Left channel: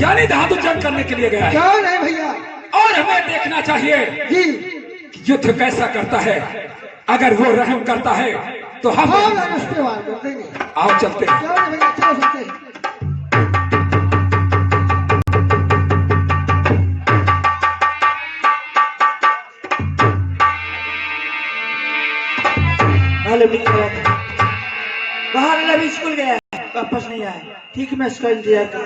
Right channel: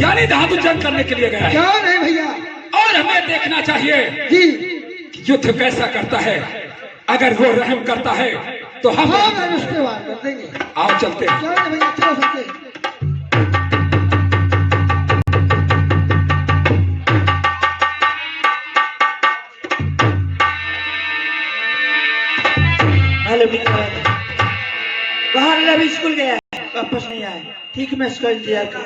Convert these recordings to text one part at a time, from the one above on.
यानी धातु जंग करने के लिए गया है। कौन है भैया? और हमें देखना चाहिए जी कि युद्ध कैसा करता है। अगर वो रहम करता है तो हम उस पे वार कर देंगे। आओ चलते हैं। कौन है भैया? चलो सकते बाहर अभी स्कूल गया वापस नहीं आया। ठीक मैं इसको इंतजार कर।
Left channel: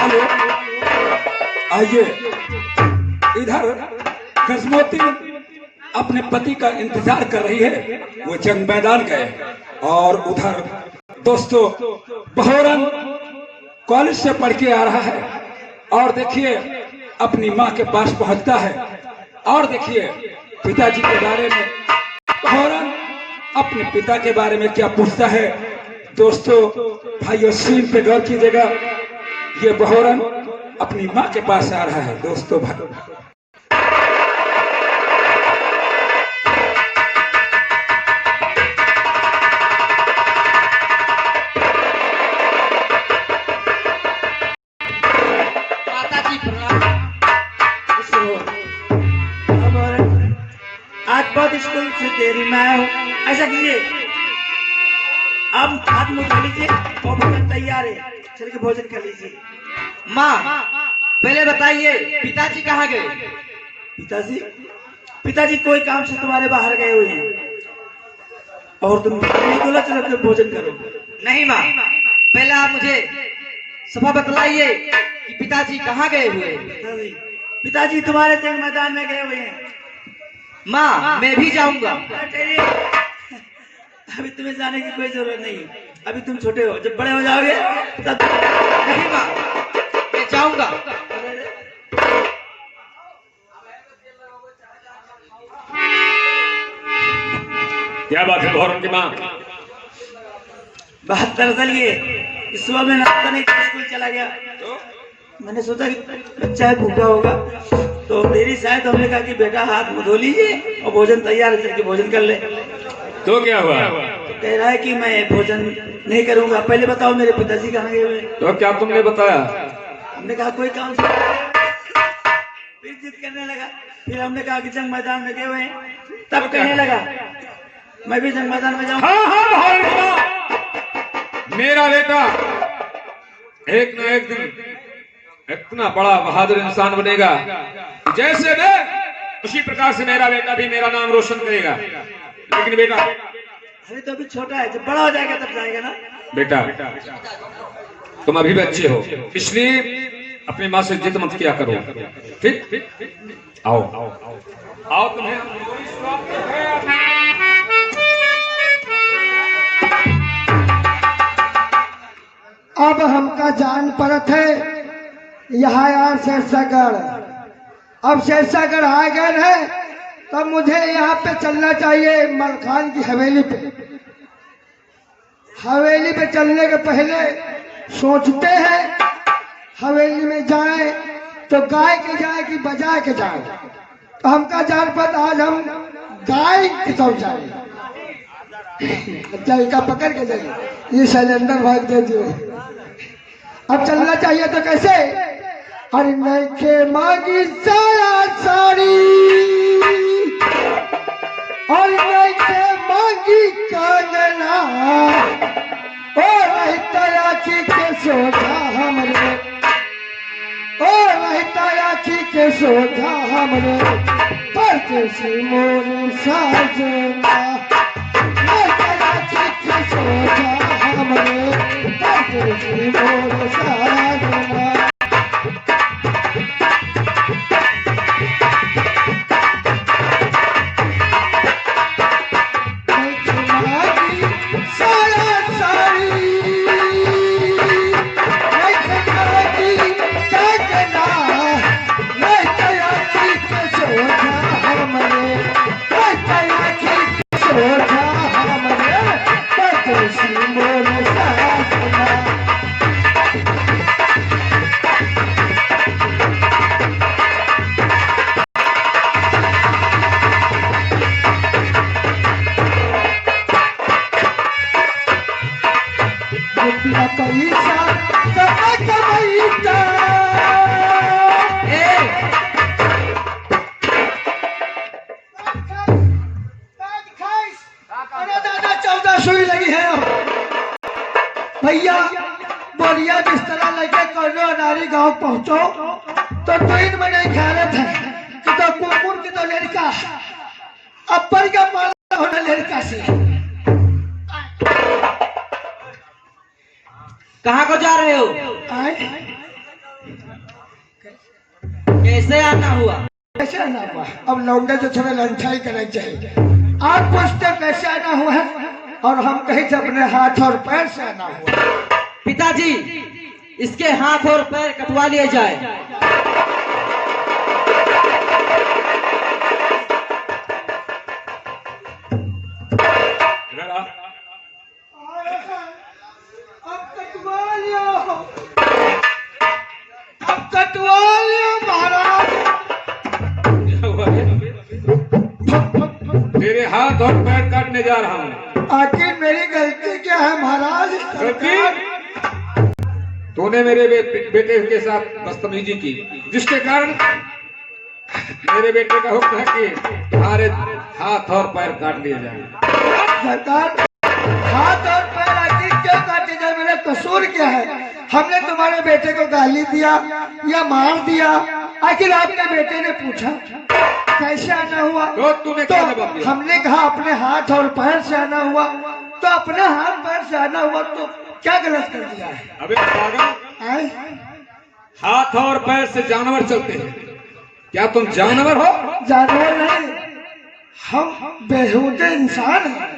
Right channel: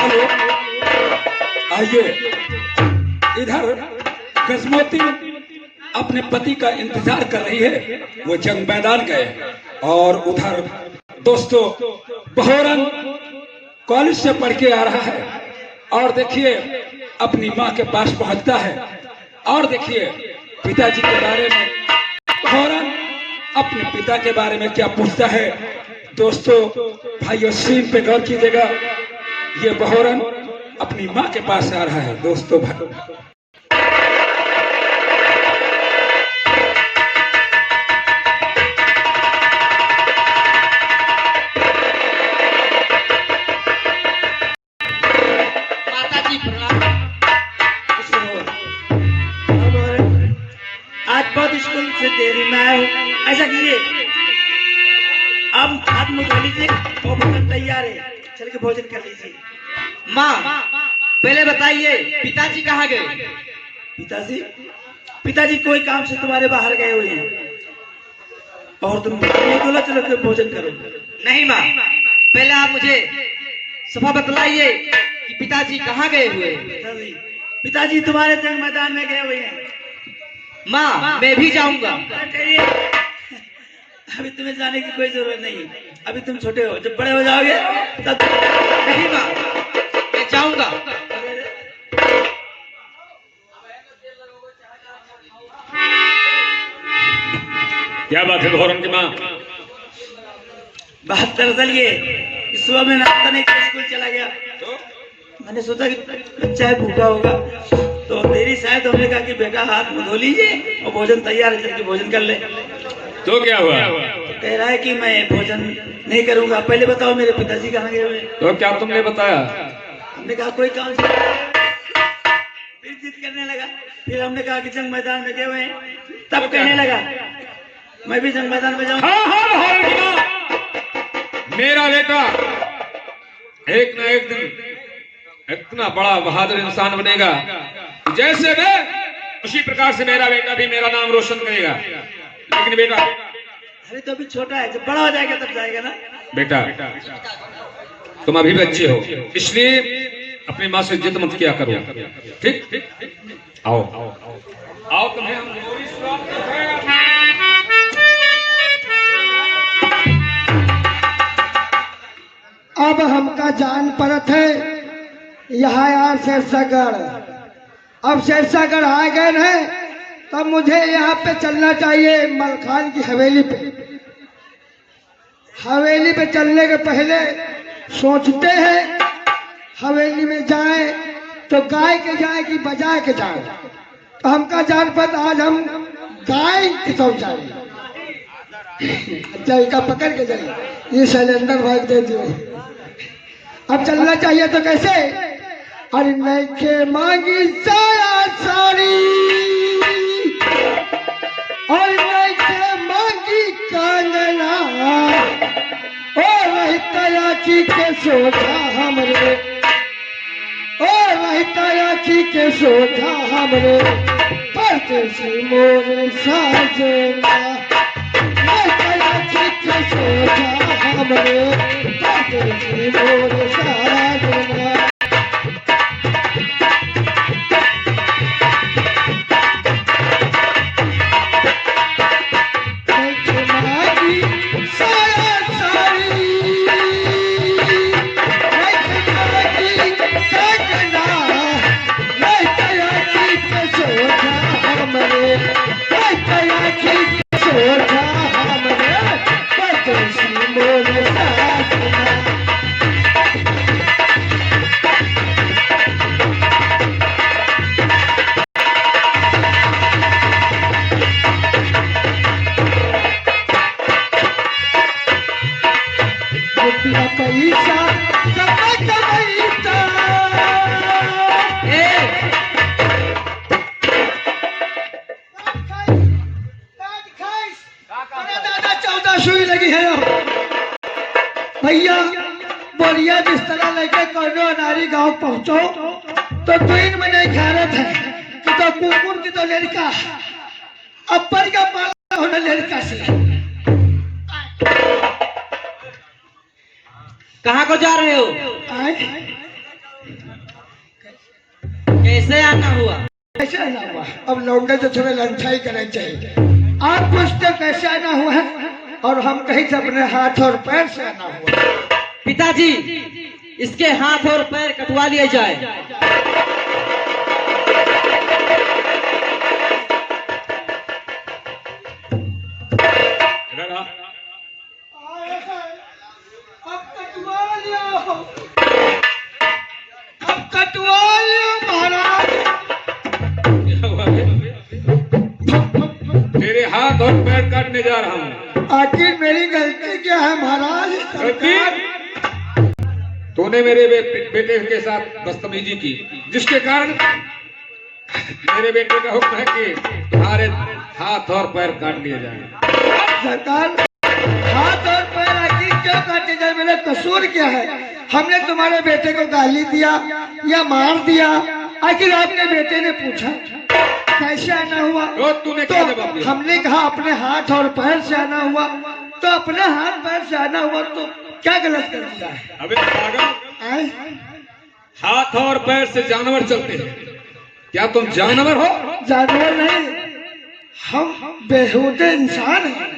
हेलो आइए इधर। गजमोती अपने पति का इंतजार कर रही है, वो जंग मैदान गए। और उधर दोस्तों बहोरन कॉलेज से पढ़ के आ रहा है और देखिए अपनी माँ के पास पहुंचता है। और देखिए पिताजी के बारे में बहोरन अपने पिता के बारे में क्या पूछता है। दोस्तों भाइयों सीन पे गौर कीजिएगा, ये बहोरन अपनी माँ के पास आ रहा है। दोस्तों भाई आज स्कूल से देरी में आया हूँ। ऐसा कीजिए अब हाथ मुँह धो लीजिए और भोजन तैयार है, चल के भोजन कर लीजिए। माँ पहले बताइए पिताजी कहाँ गए? पिताजी पिताजी कोई काम से तुम्हारे बाहर गए हुए हैं और तुम बोला चलो के भोजन करो। नहीं माँ, पहले आप मुझे सफा बतलाइए कि पिताजी कहाँ गए हुए? पिताजी तुम्हारे जंग मैदान में गए हुए हैं। माँ मैं भी जाऊंगा। अभी तुम्हें जाने की कोई जरूरत नहीं है, अभी तुम छोटे हो, जब बड़े हो जाओगे तब। नहीं माँ मैं जाऊंगा। क्या बात है बहोरन की माँ? बात दरअसल ये इस सुबह में नाश्ता नहीं कर स्कूल चला गया, मैंने सोचा कि बच्चा है भूखा होगा तो देरी शायद। हमने कहा कि बेटा हाथ मुँह धो लीजिए और भोजन तैयार है, कि भोजन कर ले। तो क्या हुआ? तो कह रहा है कि मैं भोजन नहीं करूंगा। पहले बताओ मेरे पिताजी कहाँ गए हुए? तो क्या तुमने बताया? हमने कहा कोई काम से, फिर जिद करने लगा। फिर हमने कहा कि जंग मैदान में गए हुए हैं, तब कहने लगा मैं भी जंग मैदान में जाऊँ। हाँ हाँ मेरा बेटा एक न एक दिन इतना बड़ा बहादुर इंसान बनेगा, जैसे वे उसी प्रकार से मेरा बेटा भी मेरा नाम रोशन करेगा। लेकिन बेटा अरे तो अभी छोटा है, जब बड़ा हो जाएगा तब जाएगा ना। बेटा तुम अभी बच्चे हो, इसलिए अपनी माँ से जिद मत किया करो, ठीक? आओ आओ तुम्हें अब हमका जान पड़त है यहाँ यार शेरशाहगढ़। अब शेरशाहगढ़ आ गए हैं तब मुझे यहाँ पे चलना चाहिए मलखान की हवेली पे। हवेली पे चलने के पहले सोचते हैं हवेली में जाए तो गाय के जाए कि बजा के जाए। तो हमका जान पत आज हम गाय की तरफ जाए। अच्छा इनका पकड़ के जाए, ये सिलेंडर भाग दे दिए। अब चलना चाहिए तो कैसे? अरे नहीं के मांगी साया साड़ी और नहीं के मांगी कंगना, ओ नहीं तलाकी के सोझा हमरे, ओ नहीं तलाकी के सोझा हमरे, परदेसी मोर साजना, नहीं तलाकी के सोझा हमरे, परदेसी मोर साजना। मोर साजना रुपया पैसा कमाईता। ए, अरे दादा 14 सुई लगी है भैया। बोरिया बिस्तर लेके कौनो अनारी गांव पहुंचो तो 3 महीने ख्यालत है कि तो कुकुर की तो लड़का अपर का माला होना लड़का से। कहाँ को जा रहे हो? आए कैसे आना हुआ? कैसे आना हुआ? अब लौंडे तो थोड़ा लंचाई करना चाहिए। आप पूछते कैसे आना हुआ है और हम कहीं से अपने हाथ और पैर से आना हुआ। पिताजी, इसके हाथ और पैर कटवा लिए जाए। अब कटवा लियो, अब कटवा लियो महाराज। तेरे हाथ और पैर काटने जा रहा हूँ। आखिर मेरी गलती क्या है महाराज? गलती? तूने मेरे बेटे के साथ बदतमीजी की, जिसके कारण मेरे बेटे का हुक्म है कि तुम्हारे हाथ और पैर काट लिए जाए। सरकार, हाथ और पैर आखिर क्यों काटे जाए? मेरा कसूर क्या है? हमने तुम्हारे बेटे को गाली दिया या मार दिया? आखिर आपके बेटे ने पूछा कैसे आना हुआ तो तूने क्या जवाब दिया? हमने कहा अपने हाथ और पैर से आना हुआ। तो अपने हाथ पैर से आना हुआ तो क्या गलत कर दिया है? अबे पागल, आए? हाथ और पैर से जानवर चलते हैं, क्या तुम जानवर हो? जानवर नहीं, हम बेहूदे इंसान हैं।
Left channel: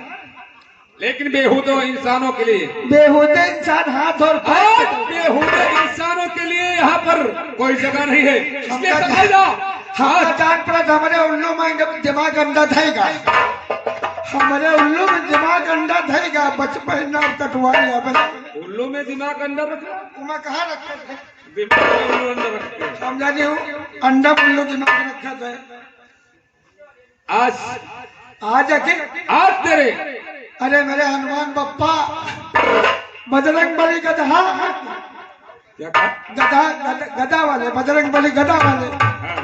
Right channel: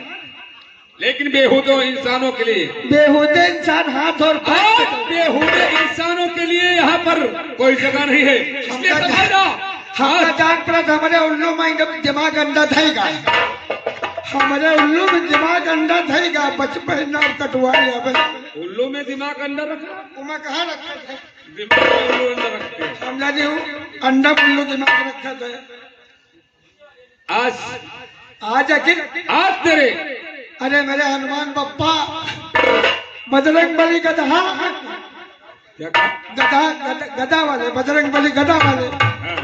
लेकिन बेहूदे इंसानों के लिए, बेहूदे इंसान हाथ और पैर से बेहूदे इंसानों के लिए यहाँ पर कोई जगह नहीं है। इसलिए समझ जाओ, हमारा जान पड़ा हमारे उल्लू में दिमाग अंडा थेगा। हमारे उल्लू में दिमाग अंडा थेगा। बचपन में कटवा लिया। उल्लू में दिमाग अंदर रखो। मैं कहाँ रखा था? दिमाग में उल्लू अंदर रखते हैं। समझा नहीं हूँ। अंडा उल्लू दिमाग रखा था। आज आखिर आज तेरे अरे मेरे हनुमान बप्पा, बजरंग बली गधा, क्या कहा? गधा वाले, बजरंग बली गधा वाले, हाँ,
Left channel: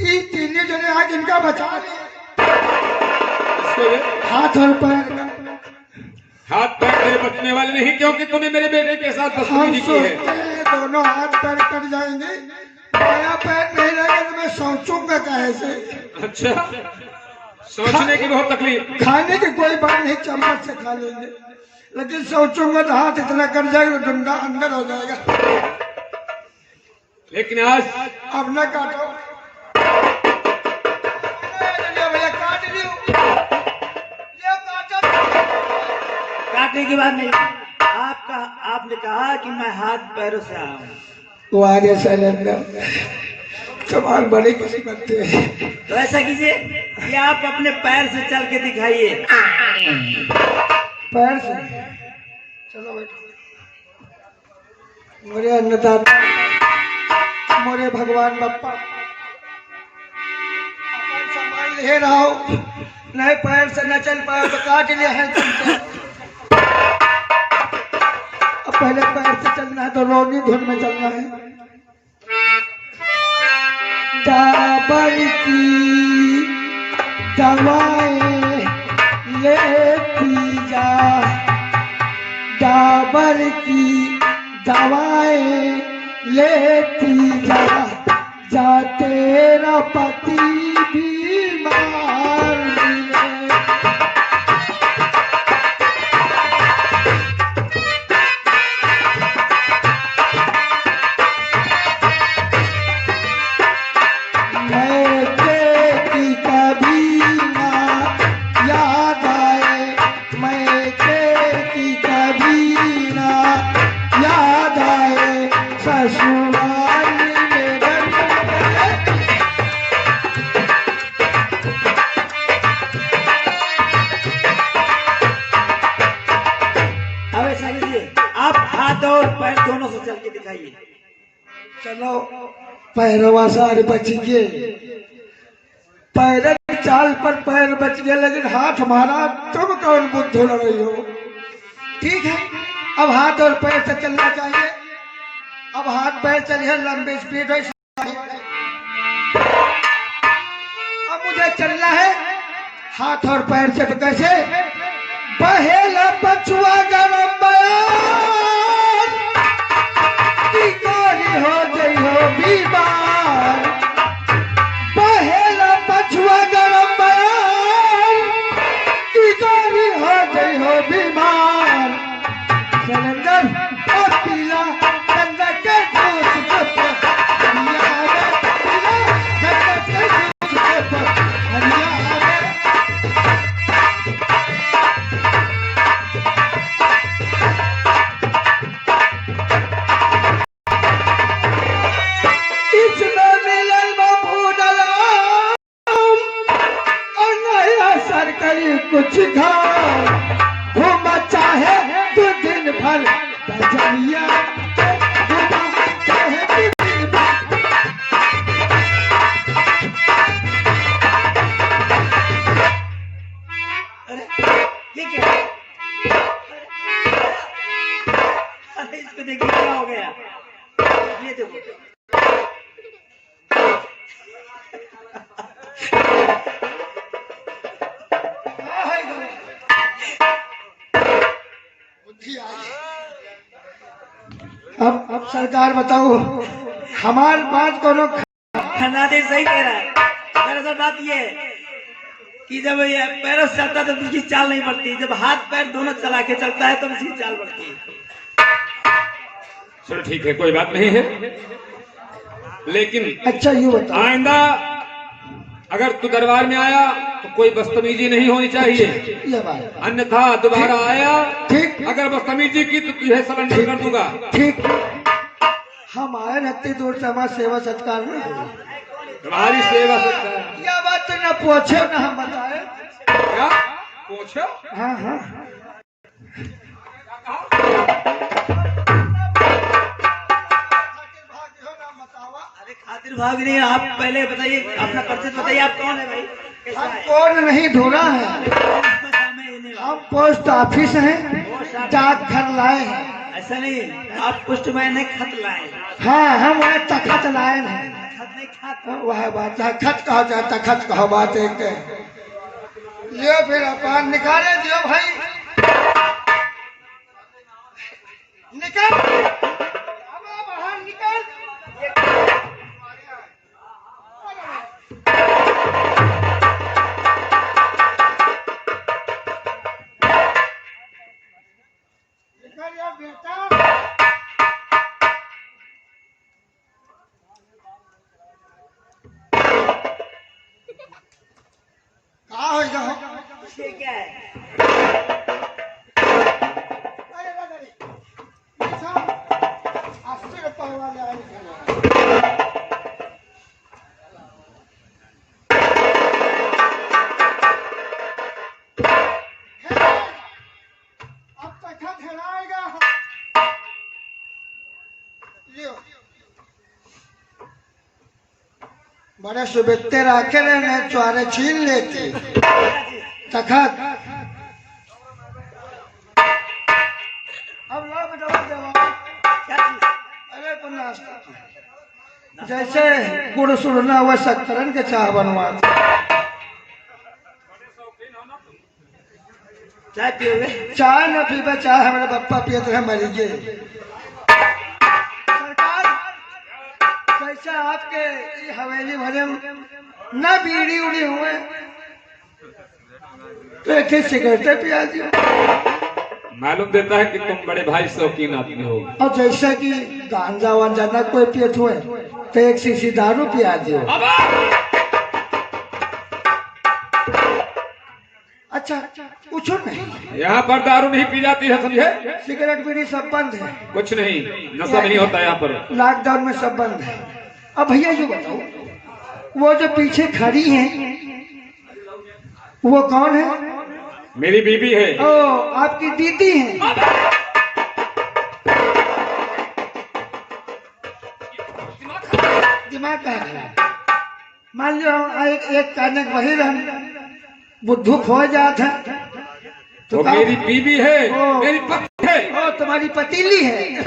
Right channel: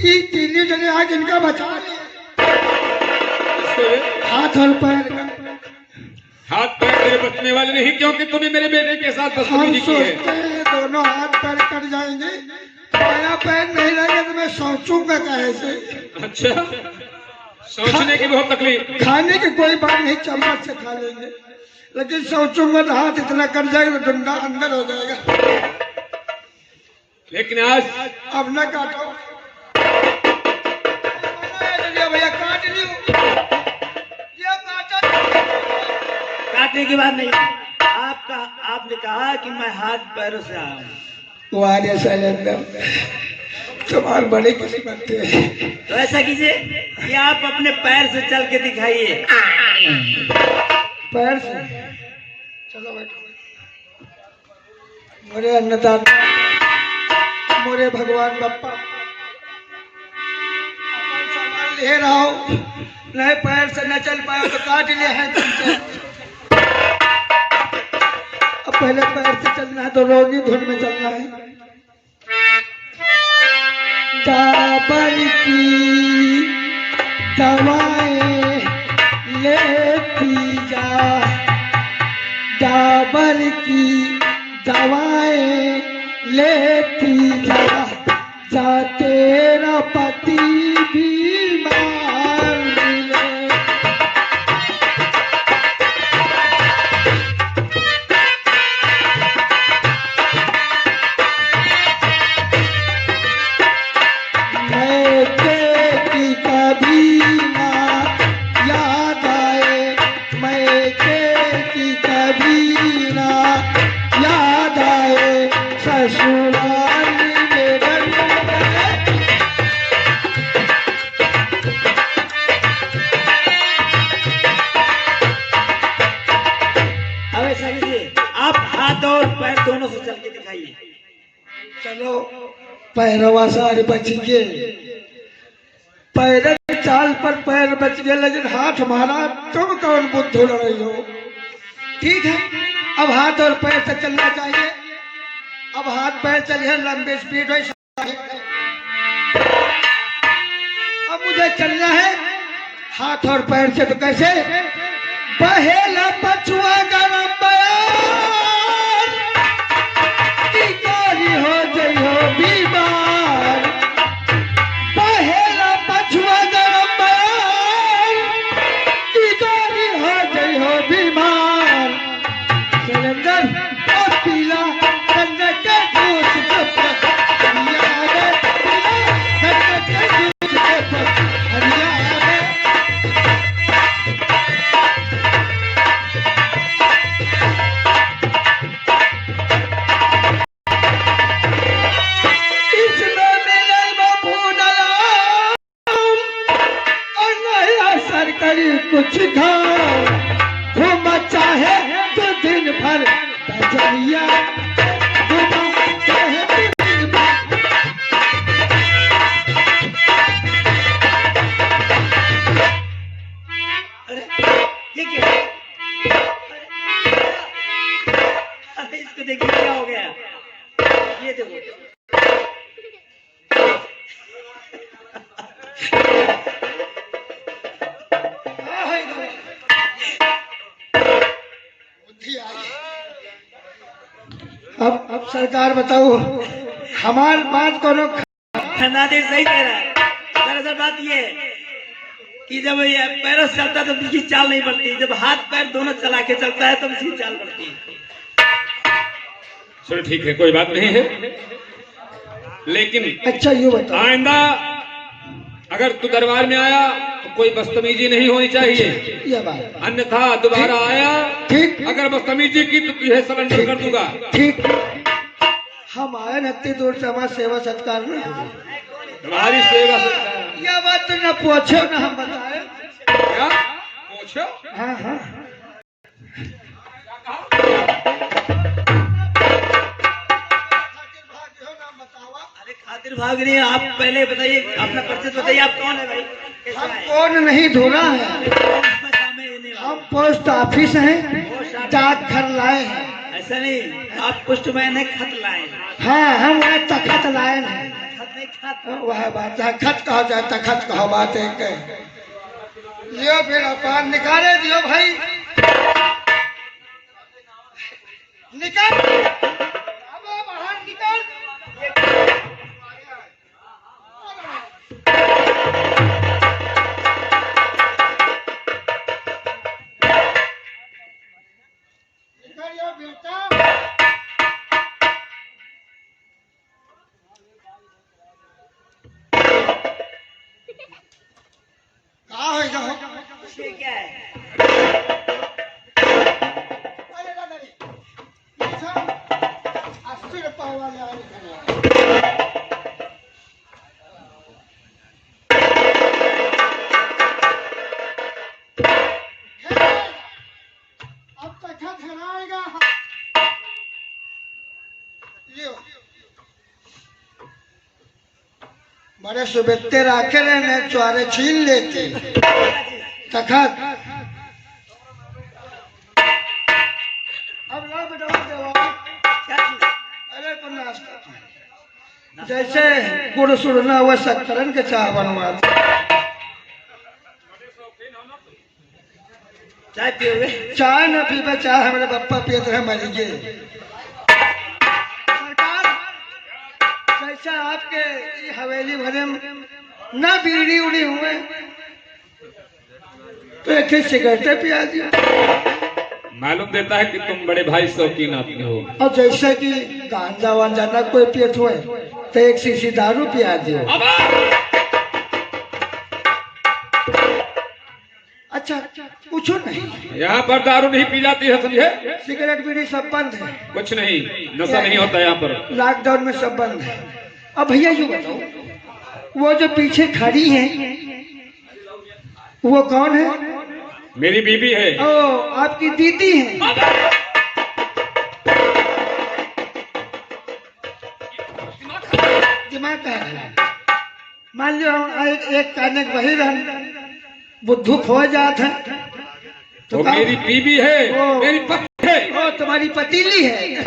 ये तीनों जने आज इनका बचा लिया। इसको ये हाथ और पैर का। हाथ पैर तेरे बचने वाले नहीं, क्योंकि तूने मेरे बेटे के साथ हम बदतमीजी की है। सोचते हैं दोनों हाथ पैर कट जाएंगे, मेरा पैर नहीं लगेगा तो मैं सोचूंगा कैसे? अच्छा, सोचने की बहुत तकलीफ। खाने की कोई बात नहीं, चम्मच से खा लेंगे, लेकिन सोचूंगा तो हाथ इतना कट जाएगा तो डंडा अंदर हो जाएगा। लेकिन आज अब न काटो भैया, काट लियो। ये काटो। काटने की बात नहीं। आपने कहा कि मैं हाथ पैरों से आया हूँ। वारे शैलेंद्र, सवाल बड़े किसी करते हैं। तो ऐसा कीजिए कि आप अपने पैर से चल के दिखाइए। पैर से? चलो बैठो। मोरे अन्नदाता, मोरे भगवान बप्पा, अपन सामान ले रहा हो, नहीं पैर से न चल पाए तो काट लिया है तुमसे। अब पहले पैर से चलना है तो रोगी धुन में चलना है। डाबर की दवाएं लेती जा, डाबर की दवाएं लेती जा, जा तेरा पति बीमार मिले। मैं तेरी कभी ना याद आए, मैं तेरी कभी ना याद आए, ससुराल में अब ऐसा कीजिए, आप हाथ और पैर दोनों से चल के दिखाइए। चलो पैरवा सारे बच गए, पैर की चाल पर पैर बच गए, लेकिन हाथ मारा। तुम कौन बुद्धू रही हो? ठीक है, अब हाथ और पैर से चलना चाहिए। अब हाथ पैर चलिए, लंबी स्पीड है। अब मुझे चलना है हाथ और पैर से। तो कैसे? पहेला पछुआ गरम बयान की गोरी हो गई हो बीमार। पहेला पछुआ गरम बयान की गोरी हो गई हो बीमार। सिलेंडर और पीला गंगा के जूस के पर हरिया आवे, गंगा के जूस के पर हरिया आवे। इसमें मिलल बबूडला और नहीं असर करी कुछ घाव। घूम चाहे तो दिन भर बजरिया, घूम चाहे तो दिन भर। अरे ये क्या? अरे इसको देखिए क्या हो गया। ये देखो अब सरकार बताओ, हमारे पास कोनो खन्नादेव सही कह रहा है। दरअसल बात ये है कि जब ये पैरों से चलता है तो उसकी चाल नहीं बढ़ती, जब हाथ पैर दोनों चला के चलता है तब उसकी चाल बढ़ती है। चलो ठीक है, कोई बात नहीं है, लेकिन अच्छा ये बताओ, आइंदा अगर तू दरबार में आया तो कोई बदतमीजी नहीं होनी चाहिए, ये बात अन्यथा दोबारा आया ठीक। अगर बदतमीजी की तो तुझे सरेंडर कर दूंगा। ठीक। हम आए इतनी दूर से, हमारा सेवा सत्कार नहीं हुआ। तुम्हारी सेवा से यह बात तूने पूछे ना, हम बताए। क्या पूछो? हाँ हाँ अरे खातिर भाग नहीं, आप पहले बताइए अपना परिचय बताइए, आप कौन है भाई? कैसा हम है? कौन नहीं धोना है, हमें ये नहीं हम पोस्ट ऑफिस हैं, डाक घर लाए हैं। ऐसा नहीं, आप पोस्टमैन है, खत लाए। हाँ हम वह तखत लाए हैं। खत नहीं, खत। वह बात है, खत कहा जाए तखत कहा बात एक है। लियो फिर अपन निकाले दियो भाई, निकाल अब बाहर निकाल। निकालिए बेटा। कहाँ हो जाओ? ये क्या है? अरे दादा रे, अच्छा 80 रुपये वाले आए थे। अब तक ठहराएगा। लियो बड़े सुबेते राखे ने चुआरे छीन लेते तखत। अब ला बताओ देवा, क्या चीज? अरे तो नाश्ता जैसे गुड़ सुड़ना हुआ शक्करन के चाह बनवा। चाय पियोगे? चाय न पीबे, चाय हमारे पप्पा पियत है मरीजे। सरकार जैसे आपके ये हवेली भरे न बीड़ी उड़ी हुए तो एक सिगरेटें पिया दियो। मालूम देता है कि तुम बड़े भाई शौकीन आदमी हो। और जैसे कि गांजा वांजा न कोई पियत हुए तो एक शीशी दारू पिया दियो। अच्छा पूछो नहीं, यहाँ पर दारू नहीं पी जाती है, समझे? सिगरेट बीड़ी सब बंद है, कुछ नहीं, नशा नहीं होता यहाँ पर। लॉकडाउन में सब बंद है। अब भैया ये बताओ, वो जो पीछे खड़ी है वो कौन है? मेरी बीबी है। ओ आपकी दीदी है। दिमाग का है। मान लो हम एक कहने वही रहन बुद्धू खो जात है तो मेरी बीबी है, ओ। मेरी पत्नी है। वो तुम्हारी पतीली है।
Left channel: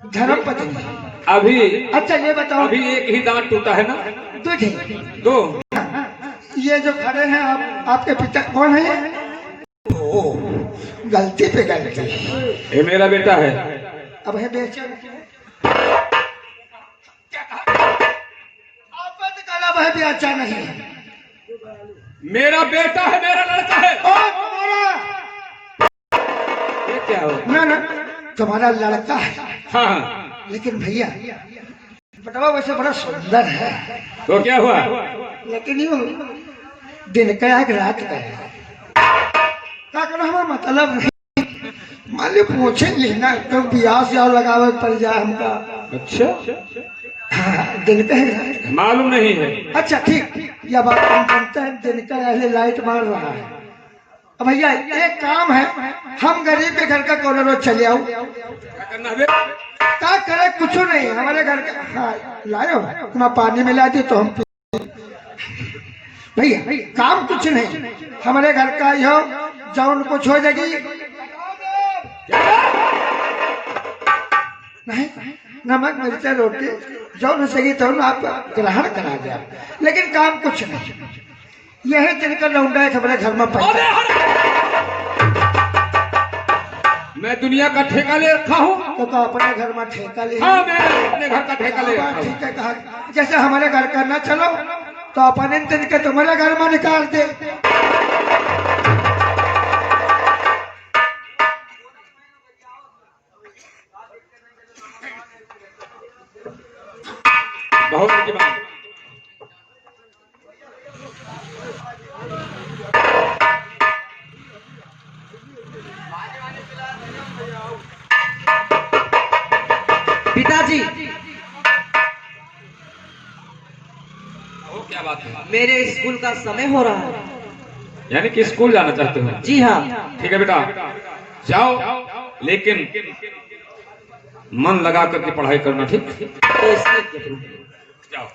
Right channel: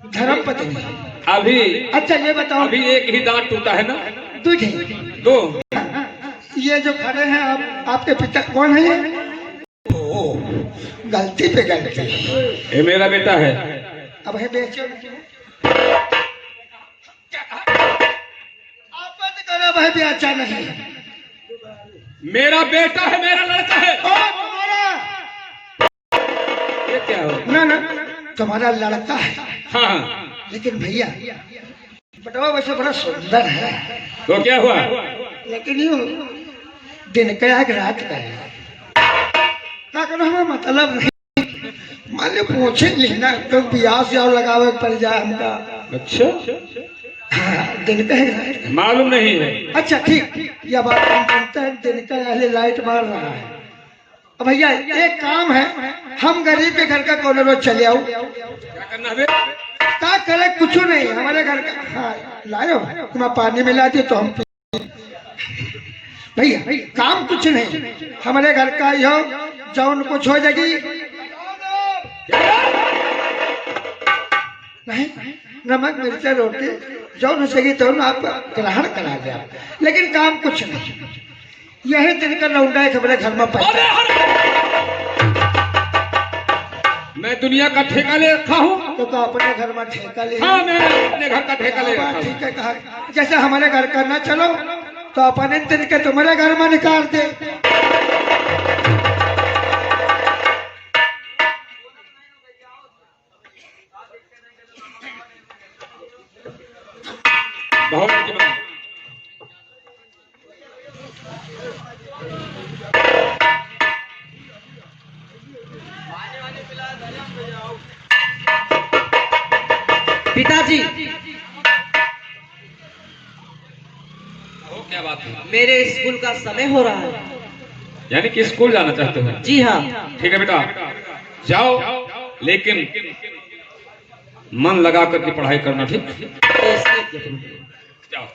धर्म पत्नी। अभी अच्छा ये बताओ, अभी एक ही दांत टूटा है ना? दूध है। दो। ये जो खड़े हैं आप, आपके पिता कौन है? ओ, गलती पे गलती। ये मेरा बेटा है। अब है बेचो। आप कहना भाई भी अच्छा नहीं है। मेरा बेटा है, मेरा लड़का है। ओ, तुम्हारा? ये क्या हो? ना ना, तुम्हारा लड़का है। हाँ, लेकिन भैया बेटवा वैसे बड़ा सुंदर है, तो क्या हुआ? लेकिन यूँ दिन का एक रात का है। क्या करना मतलब नहीं, मान लो पूछे लेना क्यों ब्याह से और लगावे पड़ जाए हमका। अच्छा, हाँ, दिन का है। मालूम नहीं है। अच्छा ठीक, यह बात हम जानते हैं, दिन का पहले लाइट मार रहा है। अब भैया एक काम है, हम गरीब के घर का कौन रोज चले आओ। क्या करना है? क्या करे, कुछ नहीं, हमारे घर का। हाँ लाओ, तुम पानी मिला दी तो हम भैया काम कुछ नहीं, हमारे घर का ही हो, जौन कुछ हो जाएगी। नहीं, नमक मिर्चा रोटी जौन सही तो आप ग्रहण करा दिया, लेकिन काम कुछ नहीं। यही दिन का लौंडा है हमारे घर में पड़ता है। मैं दुनिया का ठेका ले रखा हूँ। तो अपने घर में ठेका ले। हाँ, मैं अपने घर का ठेका ले रखा हूँ। ठीक है, कहा जैसे हमारे घर का ना चलो तो अपने दिन के तुम्हारे घर में निकाल दे। बहुत की बात। पिताजी, वो क्या बात है? मेरे स्कूल का समय हो रहा है। यानी कि स्कूल जाना चाहते हो? जी हाँ। ठीक है बेटा, जाओ, लेकिन मन लगा करके पढ़ाई करना। ठीक? जाओ।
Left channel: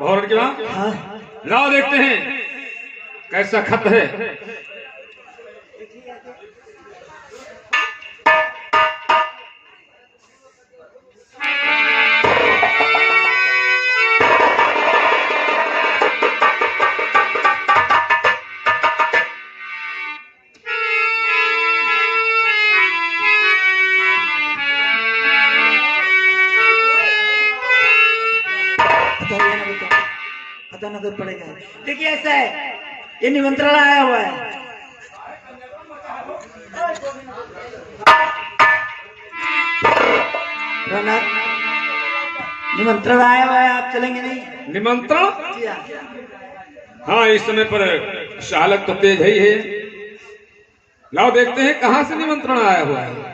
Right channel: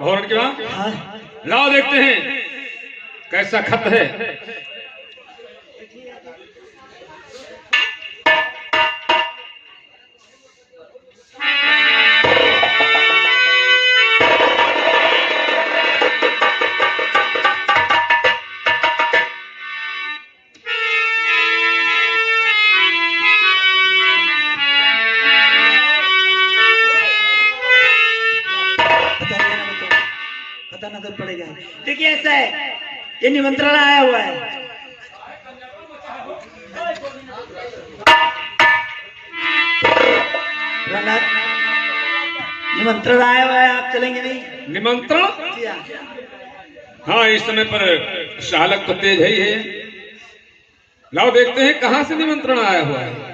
भौरण की बात? लाओ देखते हैं कैसा खत है। बताना तो पड़ेगा। देखिए ऐसा है, ये निमंत्रण आया हुआ है। निमंत्रण आया हुआ है, आप चलेंगे नहीं? निमंत्रण? जी हाँ। हाँ, इस समय पर चालक तो तेज है ही है। लाओ देखते हैं कहां से निमंत्रण आया हुआ है।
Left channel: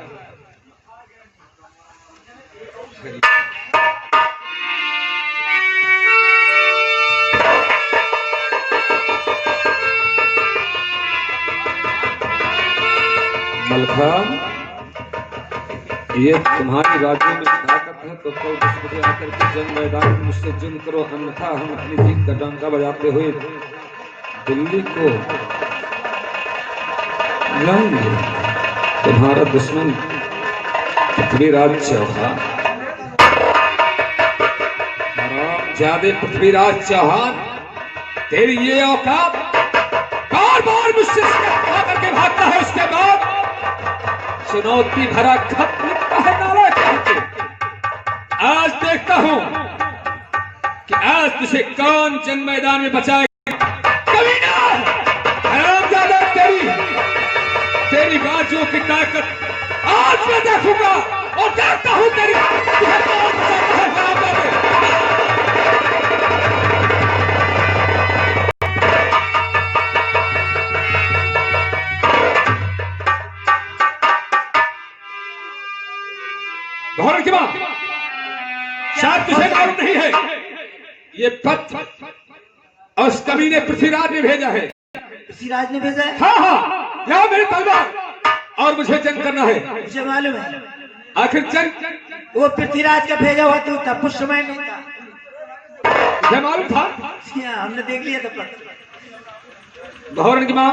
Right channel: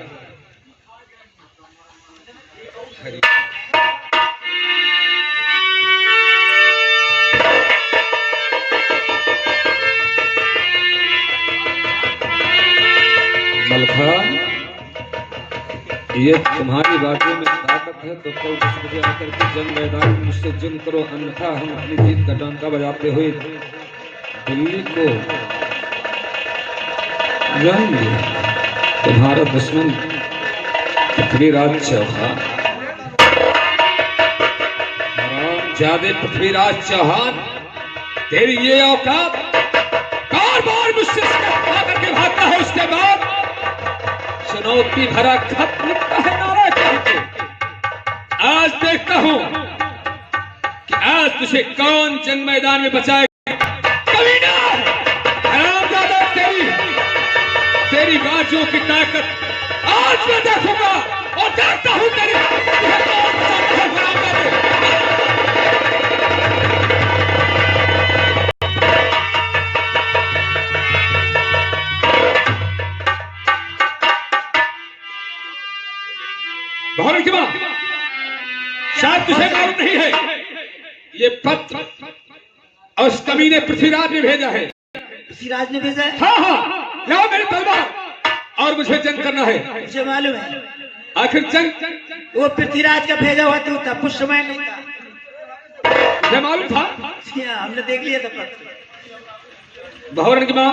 मलखा, ये तुम्हारी बातों में ताकत है तो कल 10 बजे आकर के जंग मैदान में मुझसे जिंद करो, अन्यथा हम अपनी जीत का डंका बजाते हुए दिल्ली को जाएंगे। तुम्हारा दुश्मन पृथ्वीराज चौहान, हरामजादे पृथ्वीराज चौहान, तेरी ये औकात, बार बार मुझसे आकर के भागता है, इसके बाद चुनौती भरा खत लिखता है नारा करके। आज देखता हूं कि आज तुझे कौन जंग मैदान में बचाएगा। कमीना, हरामजादा, तेरी बाजुओं की ताकत आज मैं देखूंगा और देखता हूं तेरी तुझे कौन बचाता है हरामजादे। भौरण के बाद शायद तुझे मालूम नहीं है, ये पत्र उस कमीने पृथ्वीराज ने भेजा है। पृथ्वीराज ने भेजा है? हाँ हाँ, लाओ मेरी तलवार और मुझे जंग करना है। मुझे मालूम है। आखिर जंग वो पृथ्वीराज का भेजा हुआ तो था, कुछ समय नहीं था। ये मालूम था? हाँ, हमने देख लिया था पत्र। भवन की माँ,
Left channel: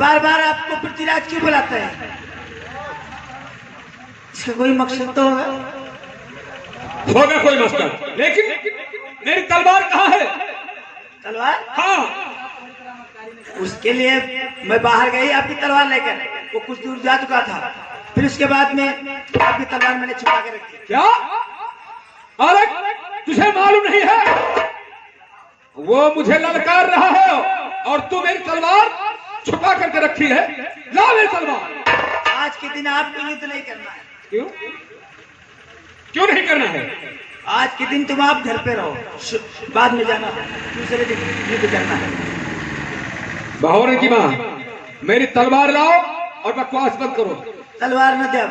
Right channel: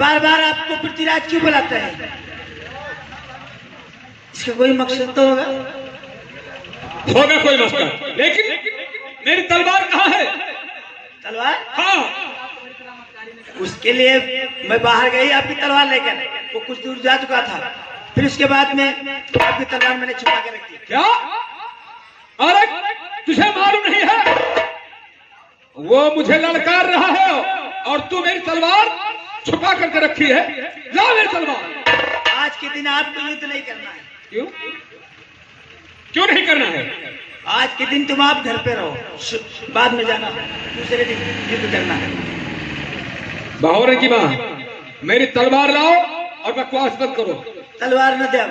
बार बार आपको पृथ्वीराज क्यों बुलाते हैं? इसका कोई मकसद तो होगा। होगा कोई मकसद, लेकिन मेरी तलवार कहाँ है? तलवार? हाँ, उसके लिए मैं बाहर गई आपकी तलवार लेकर, वो कुछ दूर जा चुका था, फिर उसके बाद में आपकी तलवार मैंने छुपा के रखी। क्या? अरे तुझे मालूम नहीं है? वो मुझे ललकार रहा है और तू मेरी तलवार छुपा करके रखी है। ला मेरी तलवार। आज के दिन आपको युद्ध नहीं करना है। क्यों? क्यों नहीं करना है? आज के दिन तुम आप घर पे रहो, बाद में जाना, दूसरे दिन युद्ध करना है। बहोरे की माँ, मेरी तलवार लाओ और बकवास बंद करो। तलवार न दे।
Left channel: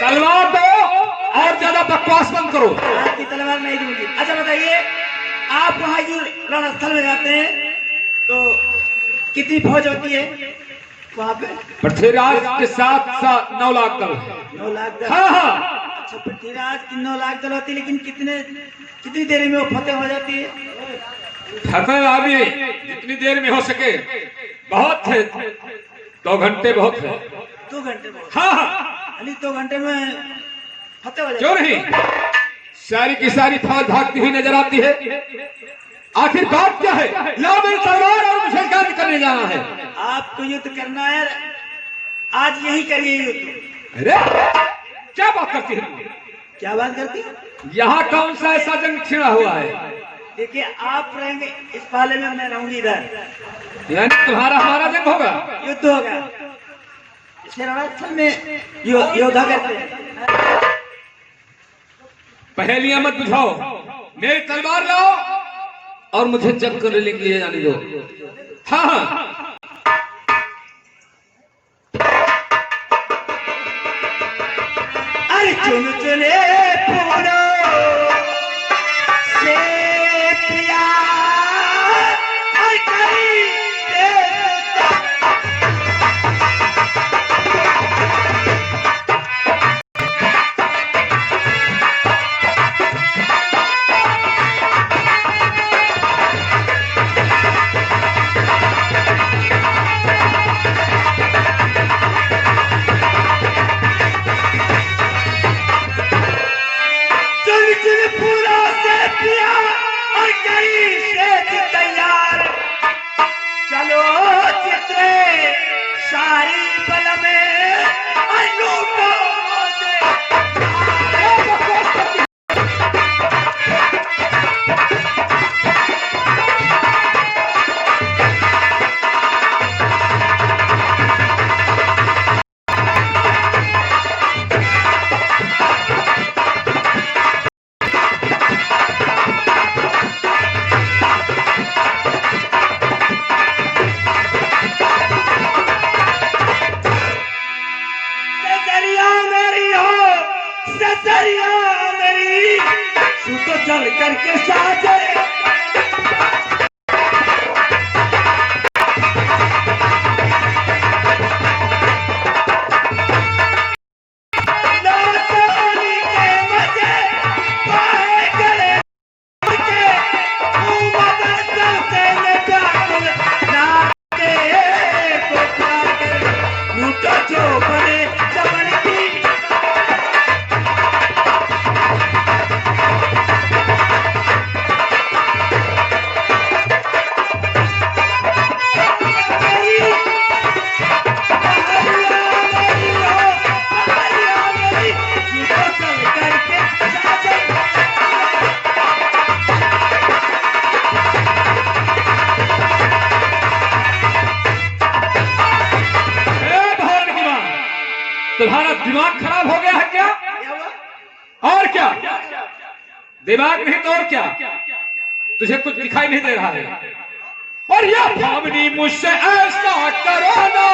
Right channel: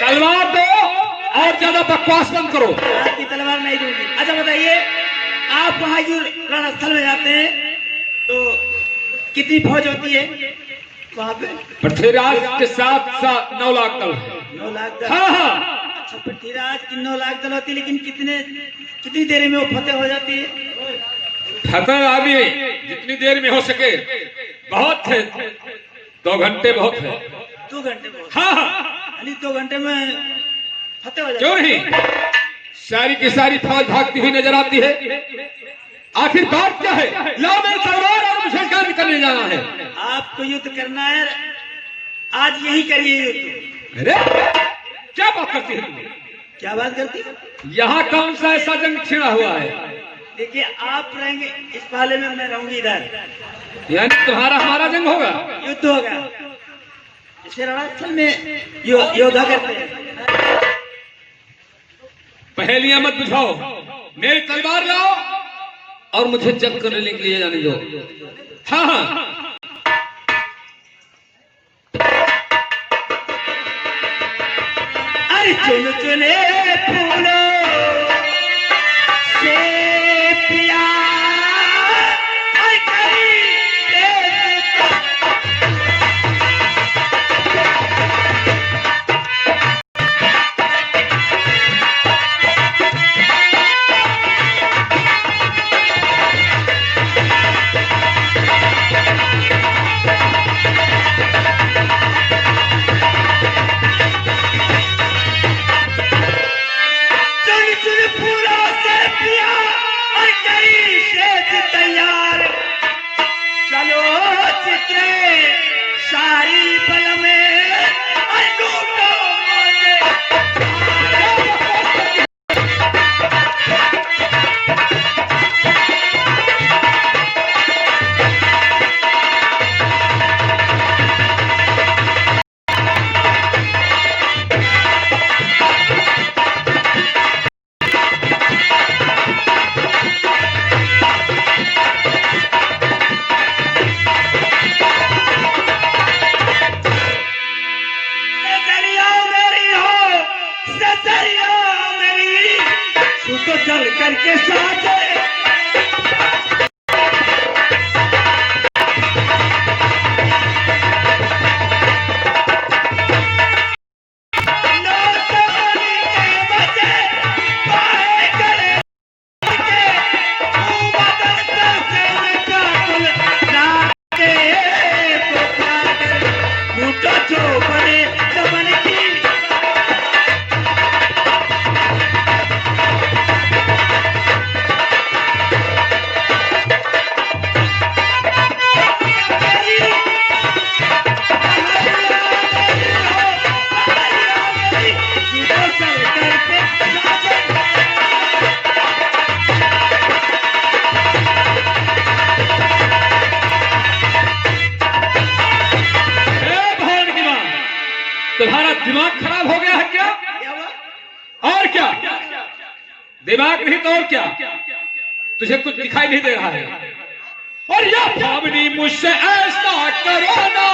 तलवार दो और ज्यादा बकवास बंद करो। आपकी तलवार नहीं दूंगी। अच्छा बताइए, आप वहाँ रणस्थल में जाते हैं तो कितनी फौज होती है वहाँ पे? पृथ्वीराज के साथ 9 लाख दल। 9 लाख दल। हाँ हाँ, अच्छा, पृथ्वीराज की 9 लाख दल होती है, लेकिन कितनी देर में वो फतेह हो जाती है? फतेह आदि जितनी देर में हो सके। बहुत है, 2 घंटे बहुत है। 2 घंटे में? हाँ हाँ, यानी 2 घंटे में फतेह हो जाती क्यों नहीं? सारी की सारी फौज भागती हुई नजर आती है। आखिर बात क्या है? या मेरी तलवार और मुझे कार्य करने जाना है। आपको युद्ध करना है, आज यही करिए युद्ध। अरे क्या बात करती है? क्या बात करती है? यहाँ कौन सा ऐसा जंग छिड़ा हुआ है? देखिए, आप रहेंगे इस पाले में, मैं रहूंगी इधर, यानी तुम्हारा हमारा जंग होगा, युद्ध होगा। इसे रणस्थल में योद्धा करते हैं। पहेलियां मत बुझाओ, मेरी तलवार लाओ और मुझे जंग करने के लिए जाने दो। हाँ हाँ, अरे चुन चुने फूलों से प्यार तैयार, चलो चित्रे सारी फल में लूटो। सुको चल करके साथ तुम्हारा दिमाग खराब हो गया है क्या? और क्या? दिमाग नहीं तो और क्या? तुझे कुछ दिखाई नहीं दे रहा है? और यह भावनी मुझसे ऐसा करो ना।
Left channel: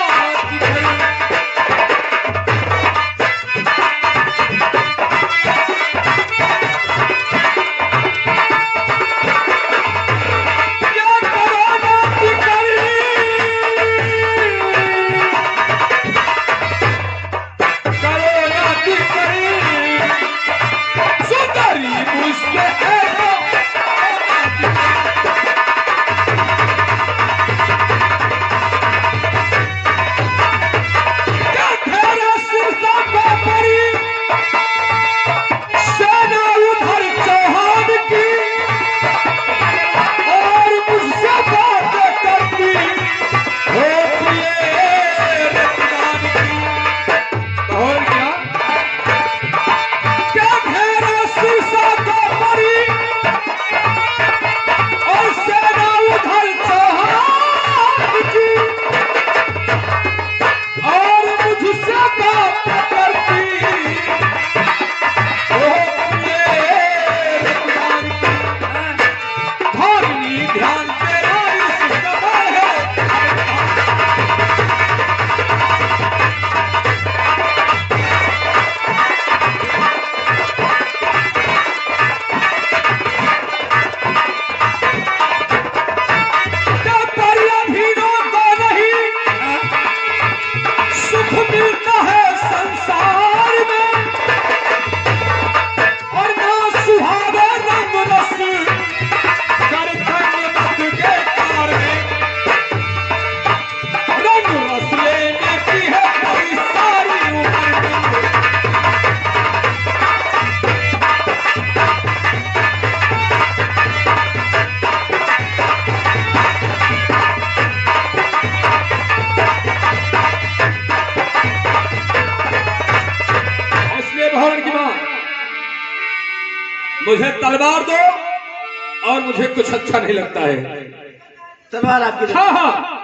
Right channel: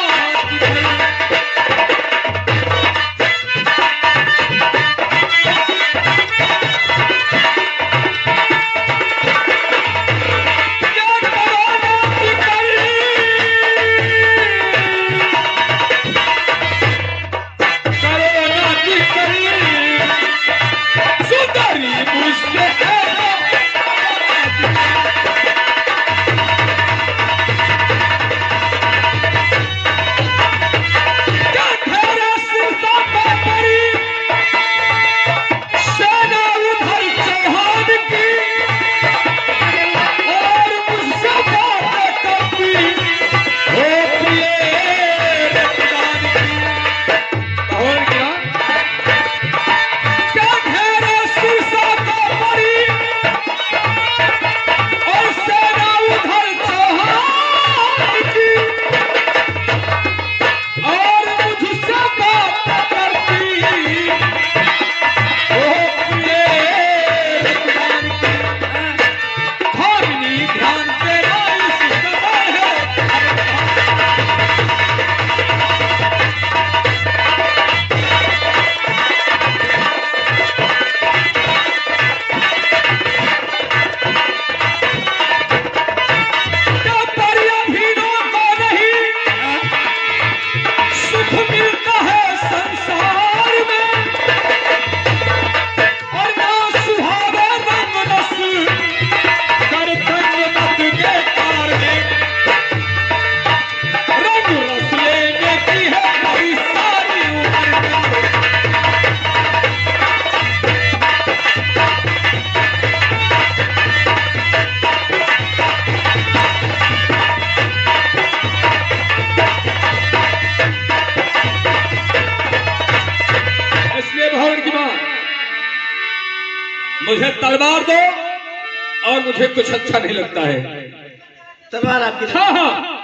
मुझे तलवार दो और मुझे कुछ अच्छा नहीं लगता है। तलवार आपकी। हाँ हाँ,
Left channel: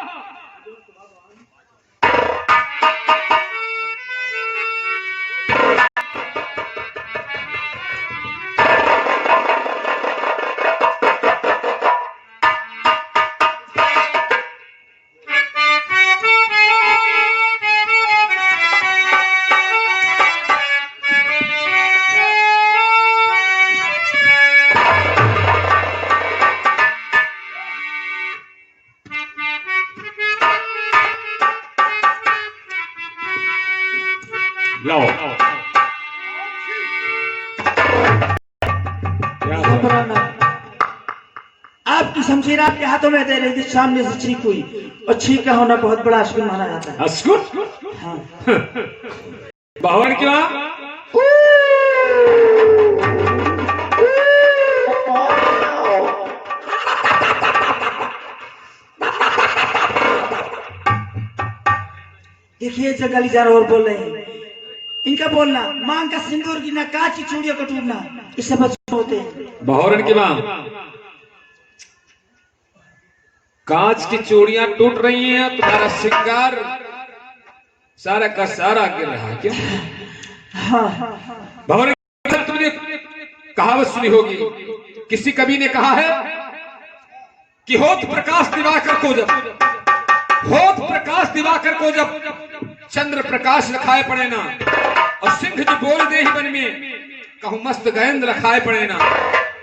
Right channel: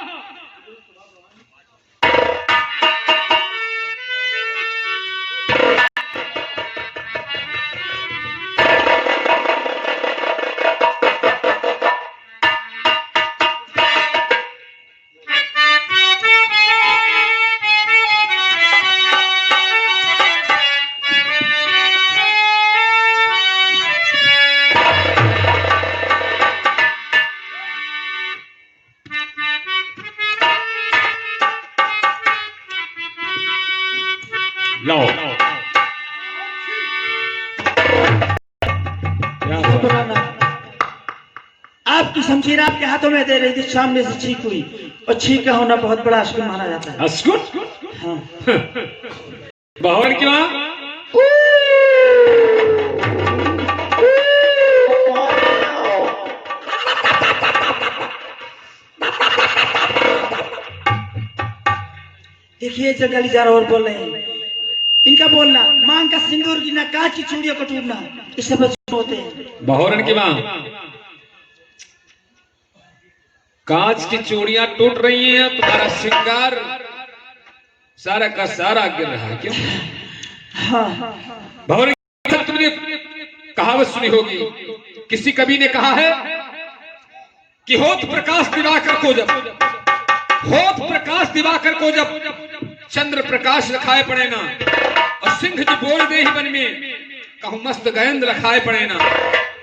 लो। क्या घबराना। आपकी शमशीर आपके हाथों में दे रही थी, सामने से छींक हुई, और छींक का होना बहुत बड़ा अश्कुन माना जाता है। अस्कुर? हाँ। बावन क्या? देखिए जंगली जानवर बोल रहे हैं, इनका बोलना मांग का सिंदूर गिरना, कांच की चूड़ियों को टूटना, इस सब होते हैं। बहौरन की मां, कांच की चूड़ियां टूट रही हैं, तुम्हारा श्रृंगार सारा का सारा गिर रहा है क्या? हाँ। बहौरन, तुमने कहावत सुनी होगी, किसी कवि ने कहा है कि होत प्रकाश दिवाकर को जब चंद्र प्रकाश रखाए पड़े ना, और सिंह जी बोल दे ही बन में कहूं मस्त गयंद रखाए पड़े ना।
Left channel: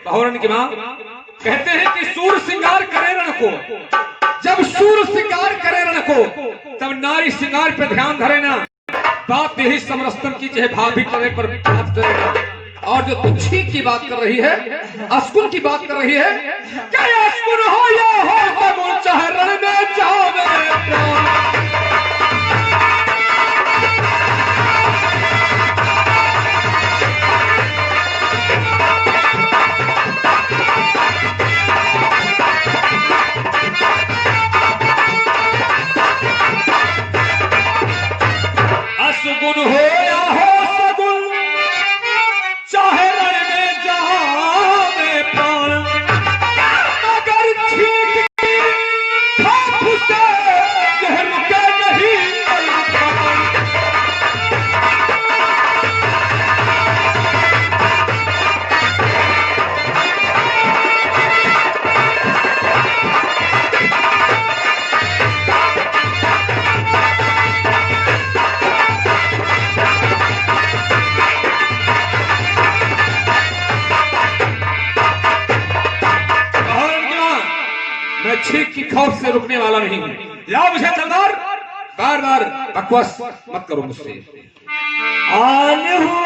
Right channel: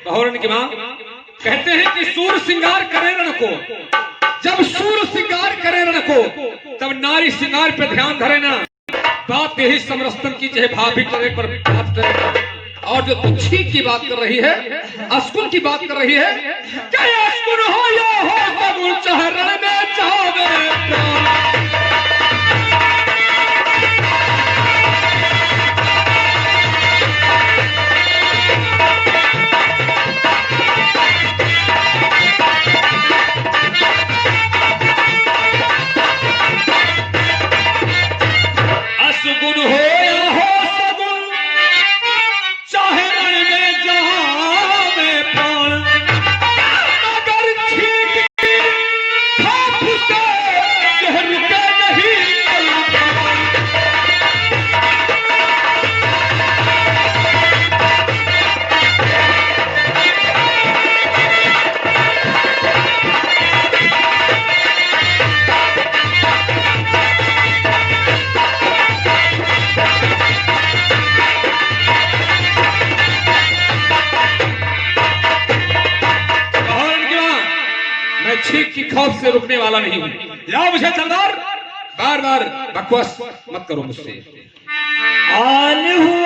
बहौरन की मां कहते हैं कि सूर श्रृंगार करे रण को, जब सूर श्रृंगार करे रण को, तब नारी श्रृंगार पे ध्यान धरे ना। बात यही समरस्तन की चाहे भाभी करे पर बात करे ना। और जो तुम छींक की बात कर रही है, अस्कुन की बात कर रही है, क्या अस्कुन हो या हो सगुन, चाहे रण में चाहे असगुन हो या हो सगुन, चाहे रण में जहां में प्राण, अगर छींक की हाथ से यह रुके नहीं पलक। मैं छींक की खौफ से रुकने वाला नहीं हूँ। या मुझे तलवार, बार बार बकवास मत करो मुझसे। आन हूँ